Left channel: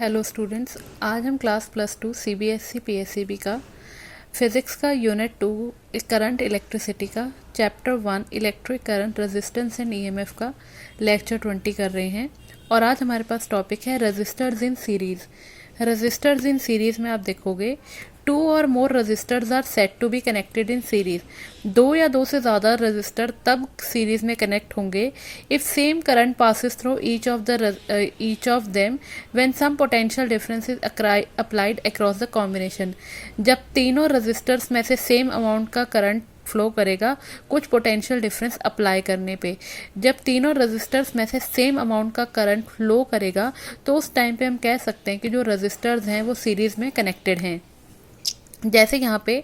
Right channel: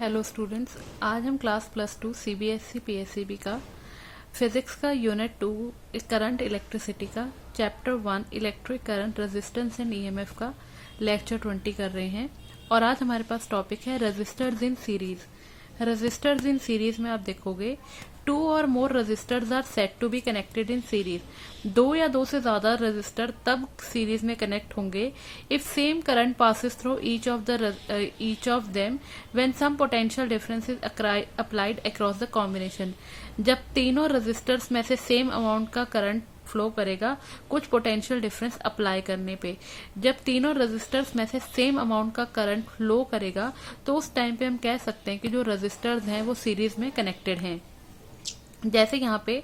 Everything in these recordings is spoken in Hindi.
हेलो स्टूडेंट्स, आज हम क्लास +2 सीबीएसई पीएसईबी का फिज़िक्स का यूनिट 2 करंट इलेक्ट्रिसिटी का chapter 1 electric current resistance and EMF का लेक्चर 20 कर रहे हैं। और आज हमारे पास टॉपिक है resistors in series. Resistors in series में आप देखोगे 2 और more resistors are set to be connected in series. 2 या 2 से ज़्यादा रजिस्टर तब सीरीज में कनेक्ट होंगे if same current passes through each of them when some potential difference is applied across the combination. जब तीनों रजिस्टर्स में से सेम अमाउंट का करंट फ्लो करेगा कुछ पोटेंशियल डिफरेंस अप्लाई करने पे। जब तीनों रजिस्टर्स में से सेम अमाउंट का करंट फ्लो करेगा तो उस टाइम पे हम कह सकते हैं कि जो रजिस्टर्स हैं वो सीरीज में कनेक्टेड हैं। जैसे यहाँ पे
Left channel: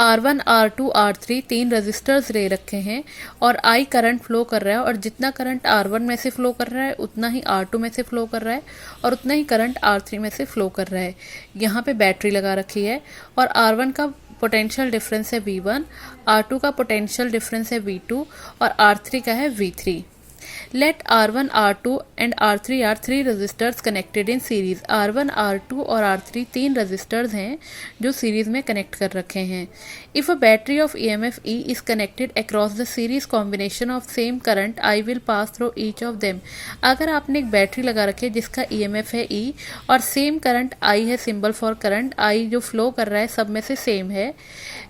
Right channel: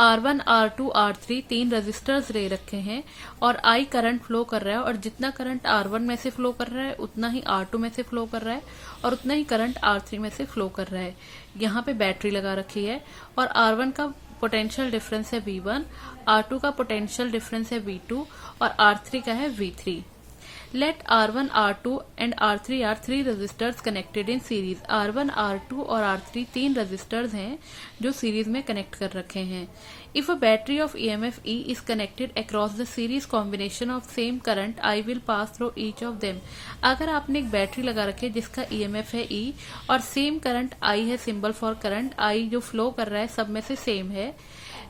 R1, R2, R3 तीन रजिस्टर्स ले रखे हैं और I करंट फ्लो कर रहा है और जितना करंट R1 में से फ्लो कर रहा है उतना ही R2 में से फ्लो कर रहा है और उतना ही करंट R3 में से फ्लो कर रहा है। यहाँ पे बैटरी लगा रखी है और R1 का पोटेंशियल डिफरेंस है V1, R2 का पोटेंशियल डिफरेंस है V2 और R3 का है V3। Let R1, R2 and R3 are three resistors connected in series. R1, R2 और R3 तीन resistors हैं जो series में connect कर रखे हैं। If a battery of EMF E is connected across the series combination of same current I will pass through each of them. अगर आपने एक बैटरी लगा रखी है जिसका EMF है E और सेम करंट I है, सिंबल फॉर करंट I जो फ्लो कर रहा है सब में से सेम है।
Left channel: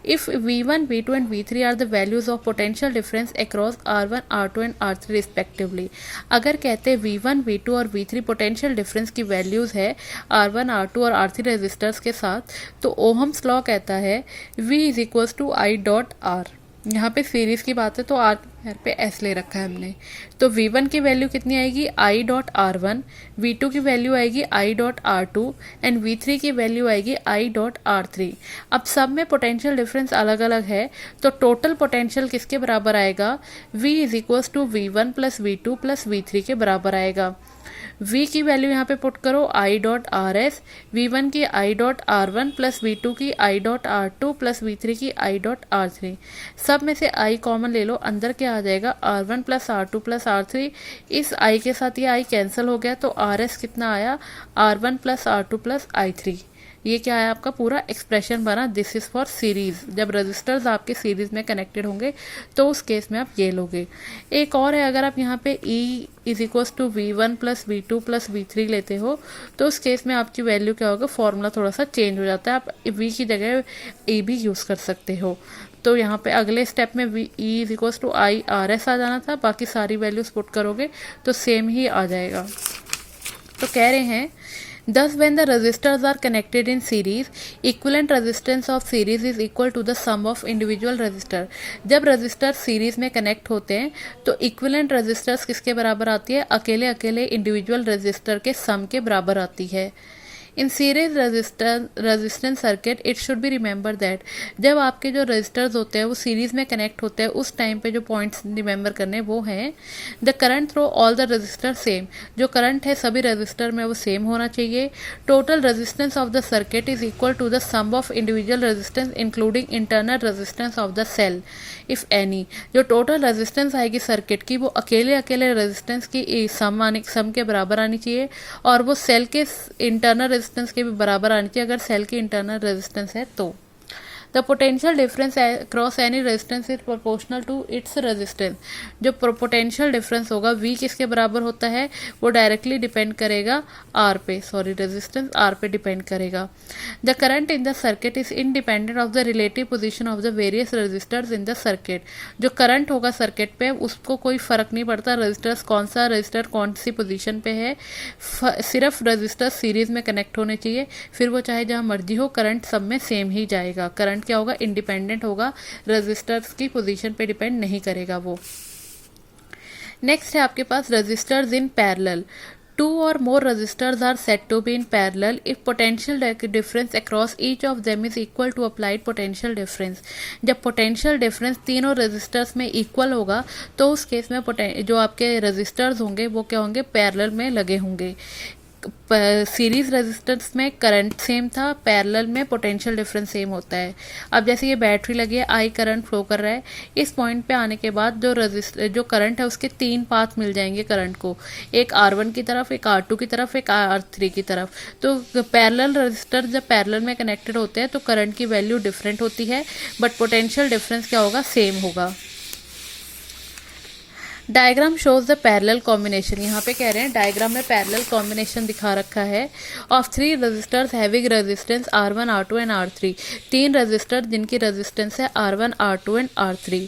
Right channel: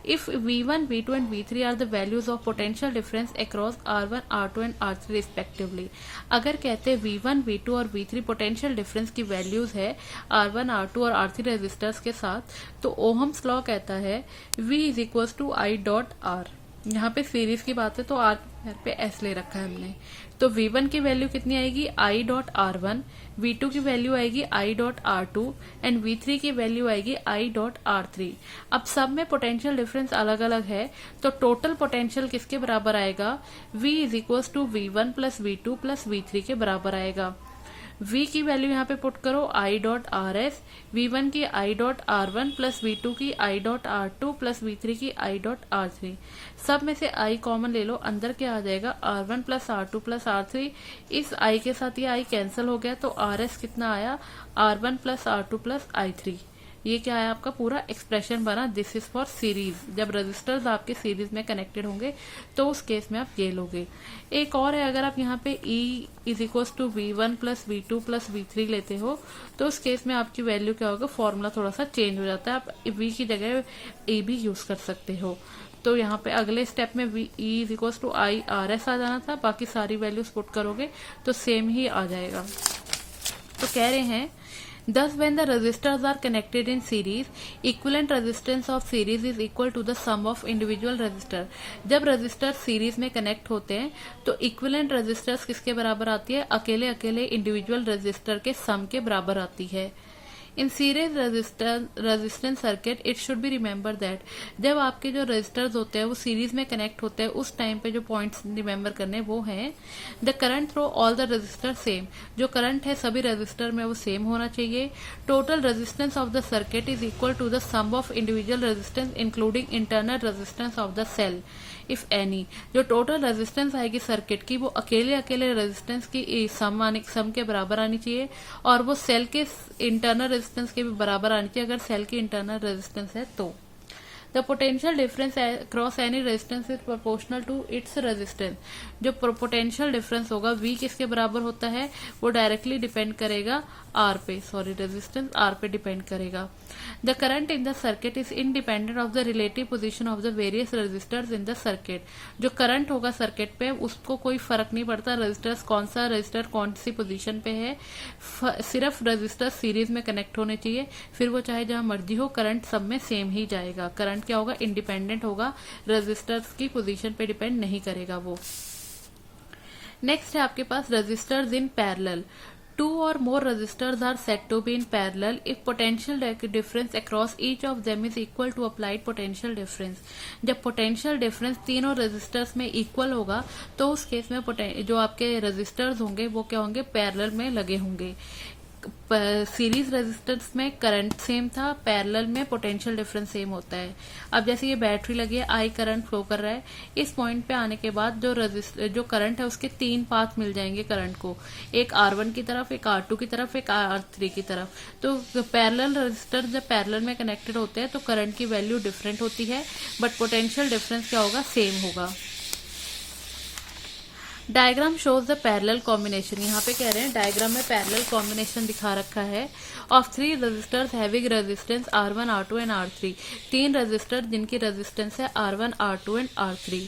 If V1, V2 and V3 are the values of potential difference across R1, R2 and R3 respectively. अगर कहते हैं V1, V2 और V3 पोटेंशियल डिफरेंस की वैल्यूज है R1, R2 और R3 रेजिस्टर्स के साथ, तो ओहम्स लॉ कहता है V is equals to I dot R। यहाँ पे सीरीज की बात है तो R पे S ले रखा है हमने। तो V1 की वैल्यू कितनी आएगी I डॉट R1, V2 की वैल्यू आएगी I dot R2 and V3 की वैल्यू आएगी I डॉट R3। अब सब में पोटेंशियल डिफरेंस अलग अलग है तो टोटल पोटेंशियल किसके बराबर आएगा? V is equals to V1 plus V2 plus V3 के बराबर आएगा। V की वैल्यू यहाँ पे पुट करो I डॉट RS, V1 की I dot R1 plus V2 की I dot R2 plus V3 की I डॉट R3। सब में से I कॉमन ले लो, अंदर क्या आ जाएगा R1 plus R2 plus R3। इस I के साथ ये I कैंसिल हो गया तो RS कितना आया R1 plus R2 plus I3। ये क्या है आपका पूरा एक्सप्रेशन बना। This is for series. जब रजिस्टर्स आपके सीरीज में कनेक्टेड होंगे तो उस केस में आप ये लोगे। एक और है, अगर आप यहाँ पे E is equals to V1 plus V2 plus V3 लेते हो तो उस केस में आपकी वैल्यू क्या होगा, फॉर्मूला थोड़ा सा चेंज हो जाता है। आप V की जगह A भी यूज कर सकते हो। तो यहाँ पे अगले स्टेप में E is equals to I RS आ जाना था, बाकी सारी वैल्यूज पुट करोगे तो सेम ही आ जाएगा। तो कह रहे हैं Thus, when the resistors are connected in series, equivalent resistance of series is equal to the sum of individual resistor. जब resistors series में connect होते हैं तो equivalent resistors किसके बराबर आती है? अकेले अकेले individual resistor के sum के बराबर आती है। In series resistance circuit it should be remember that जब आपके जो रजिस्टर्स होते हैं वो सीरीज में कनेक्ट होते हैं उस टाइम पे जो पॉइंट्स रिमेंबर करने वो हैं the current through all the resistor same. जो करंट है सभी रजिस्टर में वो सेम होना चाहिए। Total resistance of the circuit is equal to the sum of individual resistance including internal resistance of the cell if any. जो टोटल रेजिस्टेंस आएगी सर्किट की वो अकेले अकेले रेजिस्टेंस की सम के बराबर आनी चाहिए और वो सेल के इंटरनल रेजिस्टेंस के भी बराबर आनी चाहिए अगर सेल की इंटरनल रेजिस्टेंस है तो। The potential difference across any resistance is proportional to its resistance. जो पोटेंशियल डिफरेंस होगा V किसके बराबर होता है वो डायरेक्टली डिपेंड करेगा R पे, रेजिस्टेंस R पे डिपेंड करेगा। The current in the circuit is independent of the relative position of the various resistors in the circuit. जो करंट होगा सर्किट पे उसको कोई फर्क नहीं पड़ता रजिस्टर्स कौन सा रजिस्टर कौन सी पोजीशन पे है, सिर्फ रजिस्टर सीरीज में कनेक्ट होने चाहिए, फिर वो चाहे जहां मर्जी हो करंट सब में सेम ही जाएगा। करंट क्या होगा, इंडिपेंडेंट होगा, रजिस्टर्स की पोजीशन पे डिपेंड नहीं करेगा वो। नेक्स्ट है आपके पास resistors in parallel. 2 or more resistors are said to be in parallel if potential difference across each of them is equal to applied potential difference. जब potential difference तीनों resistors में equal होगा तो उस केस में जो आपके resistors होंगे वो क्या होंगे, parallel में लगे होंगे। सीरीज रेजिस्टेंस में करंट सेम था, पैरेलल में पोटेंशियल डिफरेंस सेम होता है। अब जैसे ये बैटरी लगी है, आई करंट फ्लो कर रहा है, इस पॉइंट पे आने के बाद जो करंट है उसके 3 पाथ मिल जाएंगे करंट को, एक R1 की तरफ, एक R2 की तरफ, एक R3 की तरफ। तो पैरेलल रेजिस्टर जब पैरेलल में कनेक्टेड होते हैं तो करंट की वैल्यू डिफरेंट होती है, बट पोटेंशियल डिफरेंस क्या होगा, सेम होगा। Diagram shows the parallel combination, यहाँ पे कह रहे हैं डायग्राम में पैरेलल कॉम्बिनेशन दिखा रखा है of 3 resistors having resistance R1, R2 and R3। 3 resistor जिनकी रेजिस्टेंस है R1, R2 and R3।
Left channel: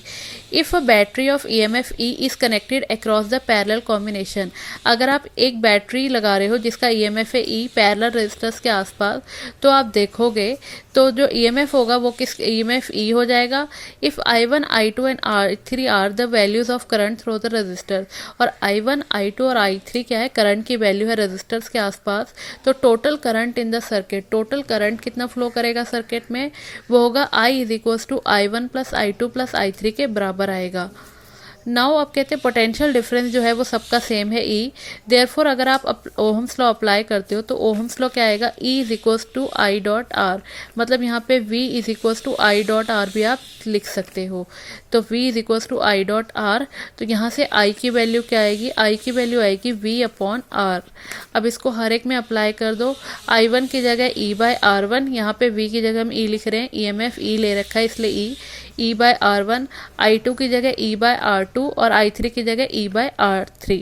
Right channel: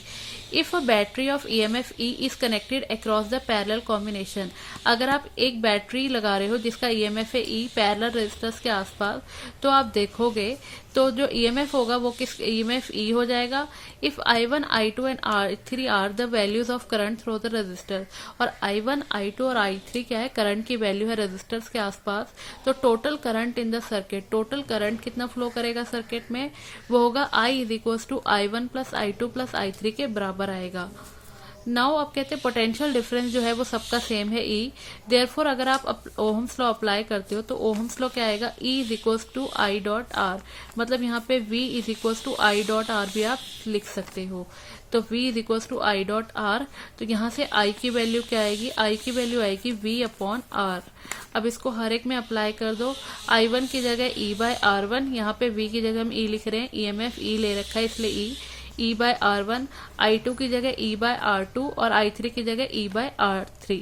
If a battery of EMF E is connected across the parallel combination, अगर आप एक बैटरी लगा रहे हो जिसका EMF है E पैरेलल रेजिस्टर्स के आसपास, तो आप देखोगे तो जो EMF होगा वो किस EMF E हो जाएगा। If I1, I2 and I3 are the values of current through the resistor, और I1, I2 और I3 क्या है, करंट की वैल्यू है रजिस्टर्स के आसपास, तो total current in the circuit, total current कितना फ्लो करेगा सर्किट में, वो होगा I is equal to I1 plus I2 plus I3 के बराबर आएगा। नाउ अब कहते हैं पोटेंशियल डिफरेंस जो है वो सबका सेम है E, देयरफॉर अगर आप ओहम्स लॉ अप्लाई करते हो तो ओहम्स लॉ क्या आएगा, E is equals to I dot R, मतलब यहाँ पे V is equals to I dot R भी आप लिख सकते हो। तो V is equals to I dot R, तो यहाँ से I की वैल्यू क्या आएगी, I की वैल्यू आएगी V अपॉन R। अब इसको हर एक में अप्लाई कर दो, I1 की जगह E बाय R1, यहाँ पे V की जगह हम E लिख रहे हैं, EMF E ले रखा है इसलिए E बाय R1, I2 की जगह E बाय R2 और I3 की जगह E बाय R3।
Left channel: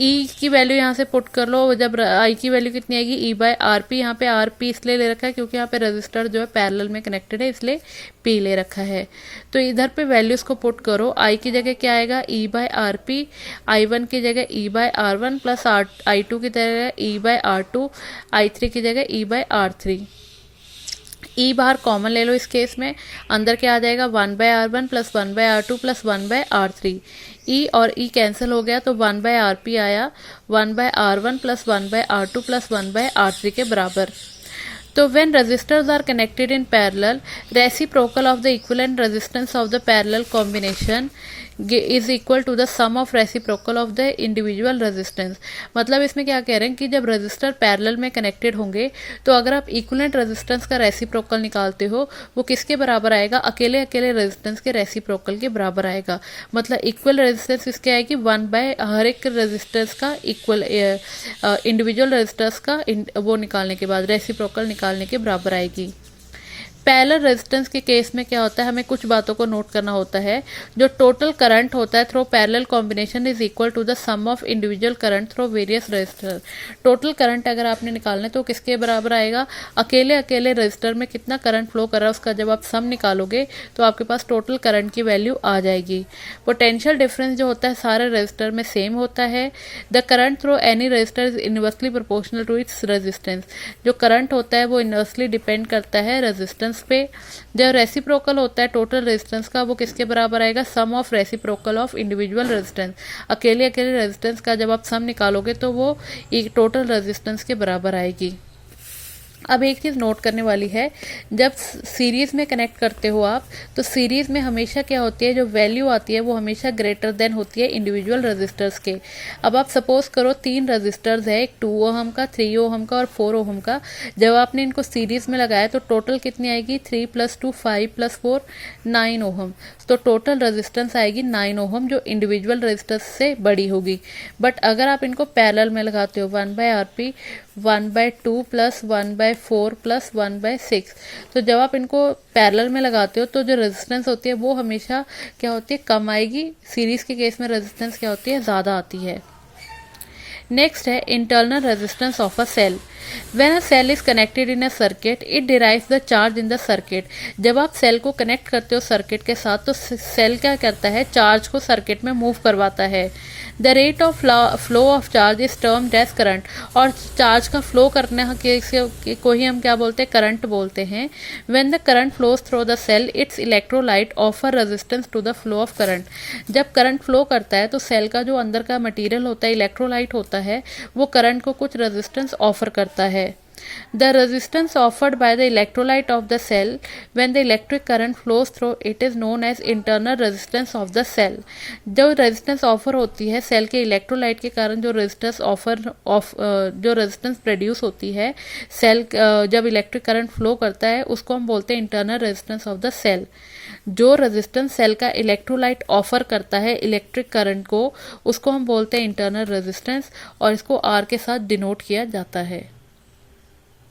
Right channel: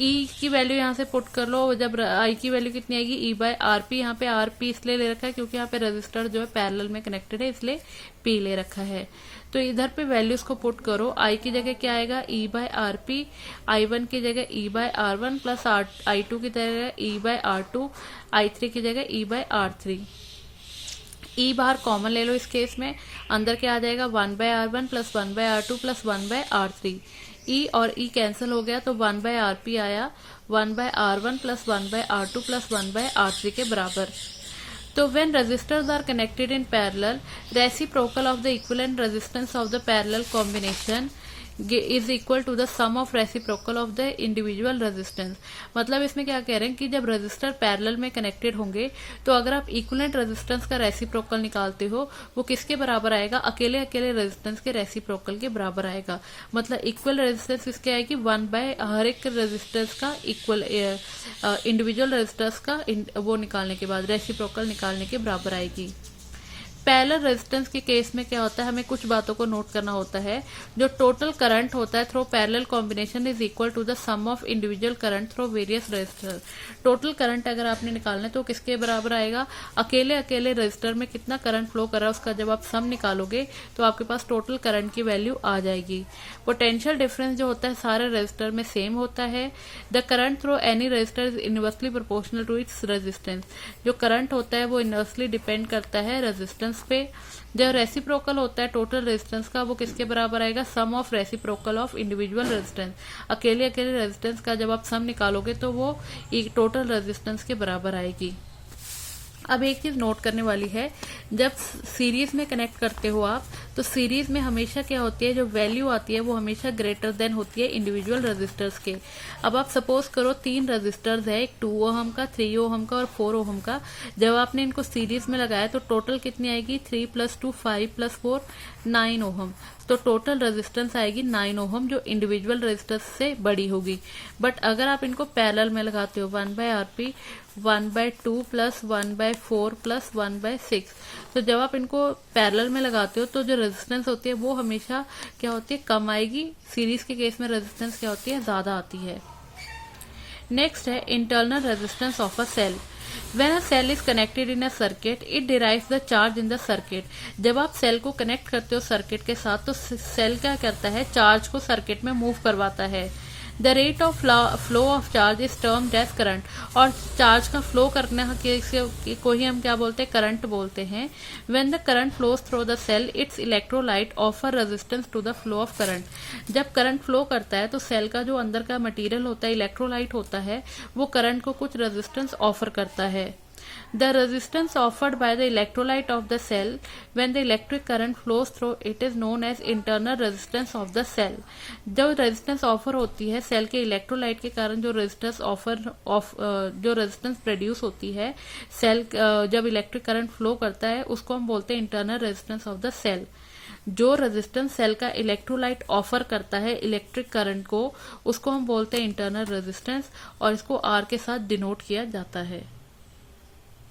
E की वैल्यू यहाँ से पुट कर लो, जब I की वैल्यू कितनी आएगी, E बाय RP, यहाँ पे RP इसलिए ले रखा है क्योंकि यहाँ पे रजिस्टर जो है पैरेलल में कनेक्टेड है इसलिए P ले रखा है। तो इधर पे वैल्यूज को पुट करो, I की जगह क्या आएगा, E बाय RP, I1 की जगह E bye R1 plus I2 की जगह E बाय R2, I3 की जगह E बाय R3। E बाहर कॉमन ले लो इस केस में, अंदर क्या आ जाएगा, 1 by R1 plus 1 by R2 plus 1 by R3। E और E कैंसिल हो गया तो 1 बाय RP आया, 1 by R1 plus 1 by R2 plus 1 by R3 के बराबर। तो when resistors are connected in parallel, reciprocal of the equivalent resistance of the parallel combination is equal to the sum of reciprocal of the individual resistance। मतलब इसमें क्या कह रहे हैं कि जब रजिस्टर पैरेलल में कनेक्टेड होंगे तो अगर आप इक्विवेलेंट रेजिस्टेंस का रेसिप्रोकल निकालते हो वो किसके बराबर आएगा, अकेले अकेले रेजिस्टेंस के रेसिप्रोकल के बराबर आएगा। मतलब इक्वल रेजिस्टेंस किसके आएगी, 1 बाय हर एक रेजिस्टेंस का इक्वल इंडिविजुअल रेजिस्टेंस का वो निकालने के बाद रेसिप्रोकल निकालने के बराबर आएगी। पैरेलल रेजिस्टेंस के केस में क्या होता है, हमें कुछ बातों को नोट करना होता है। जो टोटल करंट होता है through parallel combination is equal to the sum of individual current through various resistor. Total current अगर आपने निकालना है तो किसके बराबर आएगा, अकेले अकेले रेजिस्टर में कितना करंट फ्लो कर रहा है उसका जब आप सम निकालोगे तो आपके पास टोटल करंट की वैल्यू आ जाएगी। पोटेंशियल डिफरेंस जो होता है सारे रेजिस्टर में सेम होता है। The current through any resistor is inversely proportional to its resistance. जो करंट होता है वो इनवर्सली डिपेंड करता है रेजिस्टेंस पे। जो रेसिप्रोकल होता है टोटल रेजिस्टेंस का वो किसके बराबर आएगा, sum of reciprocal of individual resistance. अकेले अकेले रेजिस्टेंस का जब आप सम निकालोगे तो वो एक टोटल रेजिस्टेंस के बराबर आएगी। अब एक चीज़ नोट करने वाली है, जब सीरीज में कनेक्ट करते हो आप तो सीरीज में हमेशा क्या होती है, जो वैल्यू आती है वो हमेशा ग्रेटर देन होती है इंडिविजुअल रजिस्टर्स के। अब आप सपोज करो 3 रजिस्टर्स है, एक 2 ओहम का, 3 ओहम का और 4 ओहम का। जब आपने इनको सीरीज में लगाया तो टोटल कितनी आएगी, 3 + 2 5 + 4 9 ओहम। तो टोटल रेजिस्टेंस आएगी 9 ओहम जो इंडिविजुअल रेजिस्टेंस से बड़ी होगी। बट अगर आप इनको पैरेलल में लगाते हो 1 by RP 1 by 2 plus 1 by 4 plus 1 by 6, तो जब आप इनको पैरेलल में लगाते हो तो जो रेजिस्टेंस होती है वो हमेशा क्या होती है, कम आएगी। सीरीज के केस में रेजिस्टेंस क्या होती है, ज़्यादा आती है। नेक्स्ट है internal resistance of a cell. When a cell is connected in a circuit, it derives the charge in the circuit। जब आप सेल को कनेक्ट करते हो सर्किट के साथ तो सेल क्या करता है, चार्ज को सर्किट में मूव करवाता है। The rate of flow of charge is termed as current. और चार्ज का फ्लो करने को ही हम क्या बोलते हैं, करंट बोलते हैं। When the current flows through the cell its electrolyte offer resistance to the flow of current. जब करंट फ्लो करता है तो सेल का जो अंदर का मटेरियल होता है, इलेक्ट्रोलाइट होता है, वो करंट को कुछ रेजिस्टेंस ऑफर करता है। The resistance offered by the electrolyte of the cell when the electric current flows through it is known as internal resistance of the cell. जो रेजिस्टेंस ऑफर होती है सेल के इलेक्ट्रोलाइट के कारण जो रेजिस्टेंस प्रोड्यूस होती है सेल जब इलेक्ट्रिक करंट फ्लो करता है उसको हम बोलते हैं internal resistance of the cell. जो रेजिस्टेंस सेल का इलेक्ट्रोलाइट ऑफर करता है इलेक्ट्रिक करंट को उसको हम बोलते हैं इंटरनल रेजिस्टेंस और इसको आर के साथ डिनोट किया जाता है।